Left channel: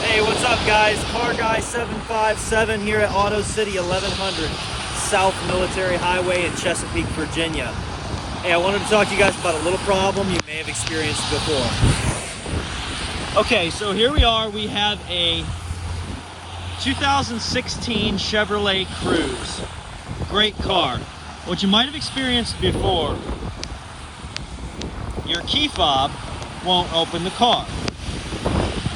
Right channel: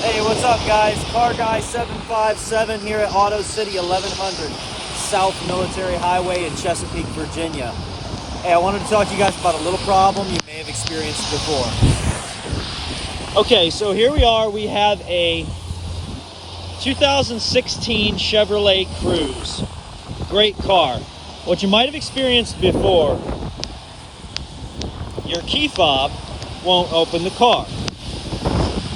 Hey, what's up, guys? Car Guy 757 here at Auto City 1100 South Military Highway in Chesapeake, Virginia. Hey, I wanted to talk to you guys about a little problem you may have experienced before. Okay, so here we are. We have a 2016 Chevrolet Cruze. Great car. What you might have experienced before, your key fob won't open the car.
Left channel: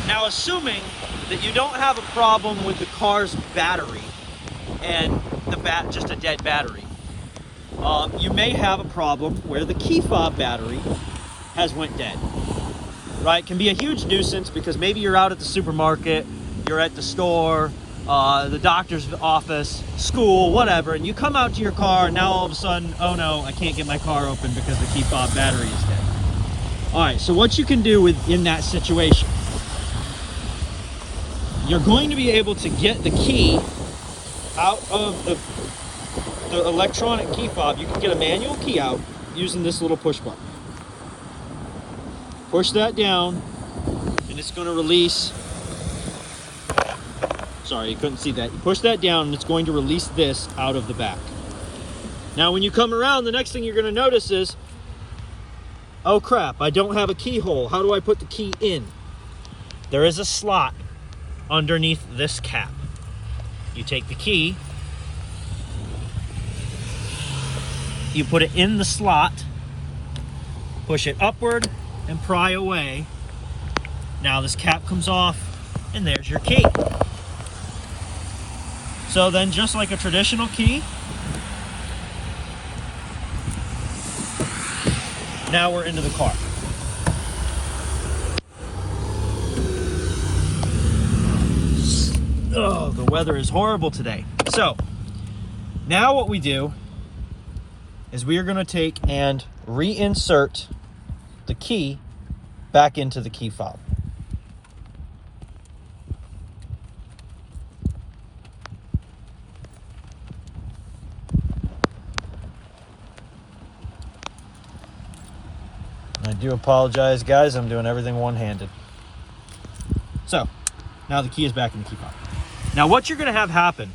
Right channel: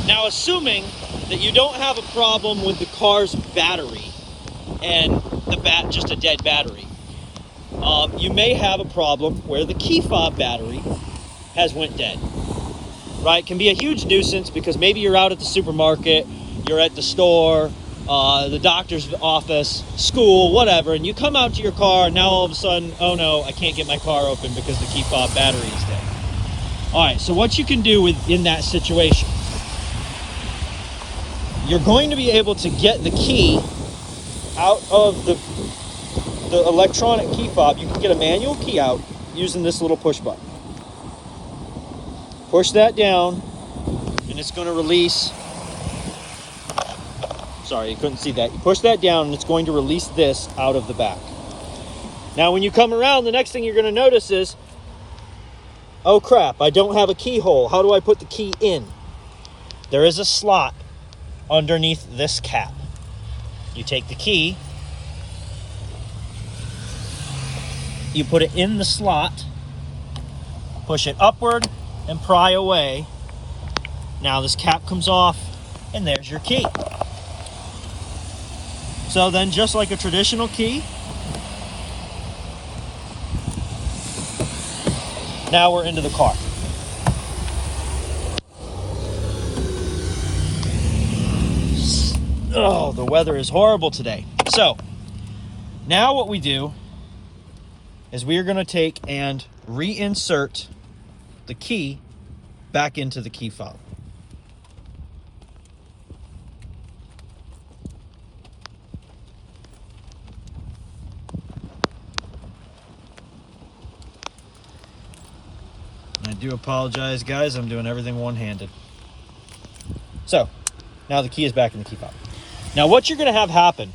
Now, assuming that you don't have a problem with the car's battery and just a dead battery, you may have a problem where the key fob battery has went dead. Right? It can be a huge nuisance because maybe you're out at the supermarket, you're at the store, the doctor's office, school, whatever, and you come out to your car and now all of a sudden, oh no, I can't get my car open because the key fob battery is dead. All right, so what you can do in that situation, you're going to be able to get the key out of the electronic key fob. You can get a manual key out using this little push button. Push that down and it's going to release. Sorry, you couldn't see that. You push that down and it's going to release this out of the back. Now when you come around, the next thing you're going to notice is, oh crap, I don't have a keyhole. How do I put the key in? There is a slot underneath this cap. You take the key, you put it in the slot, push it upward and pry away. Now this cap comes off and there's your key. So then, just like a traditional key, now we're into the car. Oh, the weather is horrible today. So now what we do is we are going to take and reinsert the key back into the key fob. I do apologize, guys. I'm doing everything one-handed. So now the key is back in the key fob. Now what you're going to have happen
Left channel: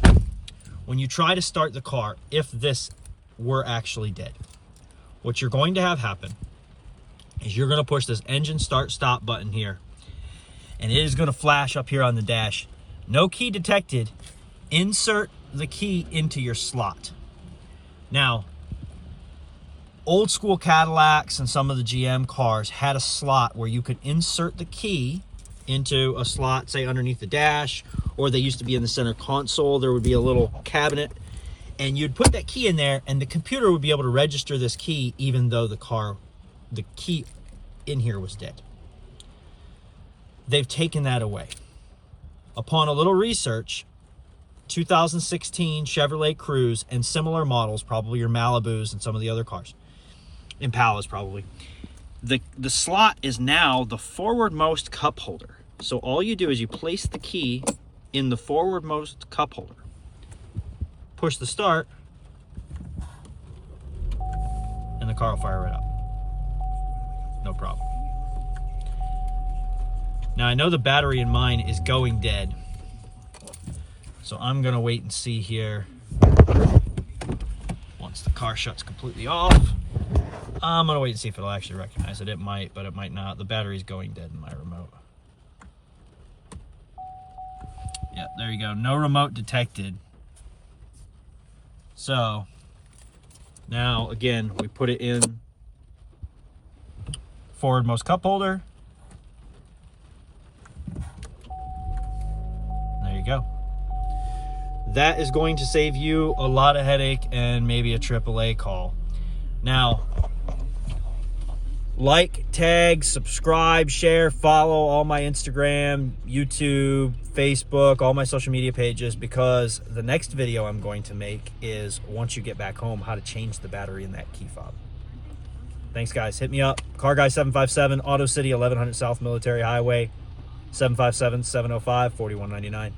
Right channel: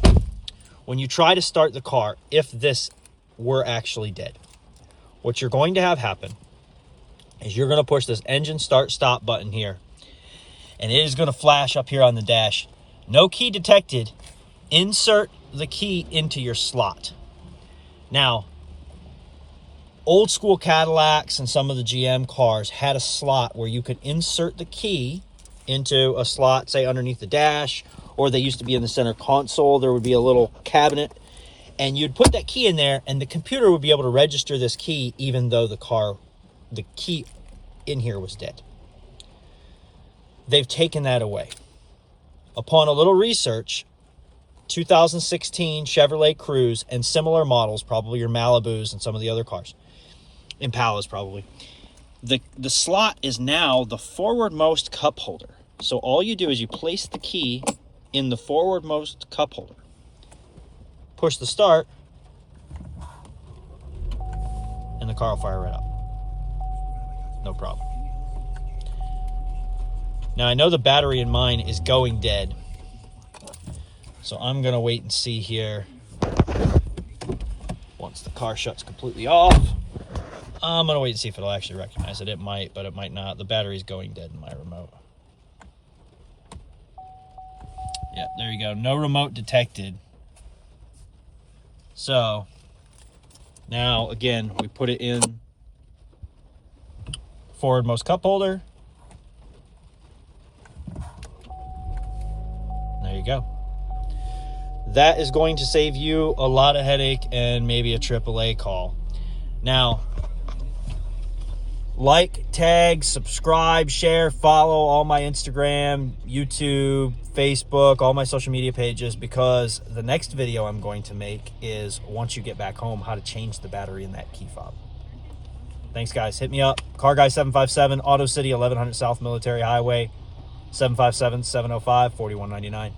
when you try to start the car, if this were actually dead, what you're going to have happen is you're going to push this engine start stop button here, and it is going to flash up here on the dash. No key detected. Insert the key into your slot. Now, old school Cadillacs and some of the GM cars had a slot where you could insert the key into a slot, say underneath the dash, or they used to be in the center console. There would be a little cabinet, and you'd put that key in there, and the computer would be able to register this key even though the key in here was dead. They've taken that away. Upon a little research, 2016 Chevrolet Cruze and similar models, probably your Malibus and some of the other cars, Impalas probably, the slot is now the forwardmost cup holder. So all you do is you place the key in the forwardmost cup holder, push the start, and the car will fire right up. No problem. Now I know the battery in mine is going dead, so I'm gonna wait and see here. Once the car shuts completely off, I'm gonna wait and see if it'll actually recognize it. It might, but it might not. The battery's going dead in my remote. Yeah, there you go. No remote detected. So now again, we put it in forwardmost cup holder. There you go. That is going to save you a lot of headache and maybe a AAA call. Now, like, tag, subscribe, share, follow all my Instagram, YouTube, Facebook, all my social media pages, because the next video I'm going to make is, once you get back home, how to change the battery in that key fob. Thanks, guys. Hit me up. Car Guy 757, Auto City 1100 South Military Highway, 757-705-4199.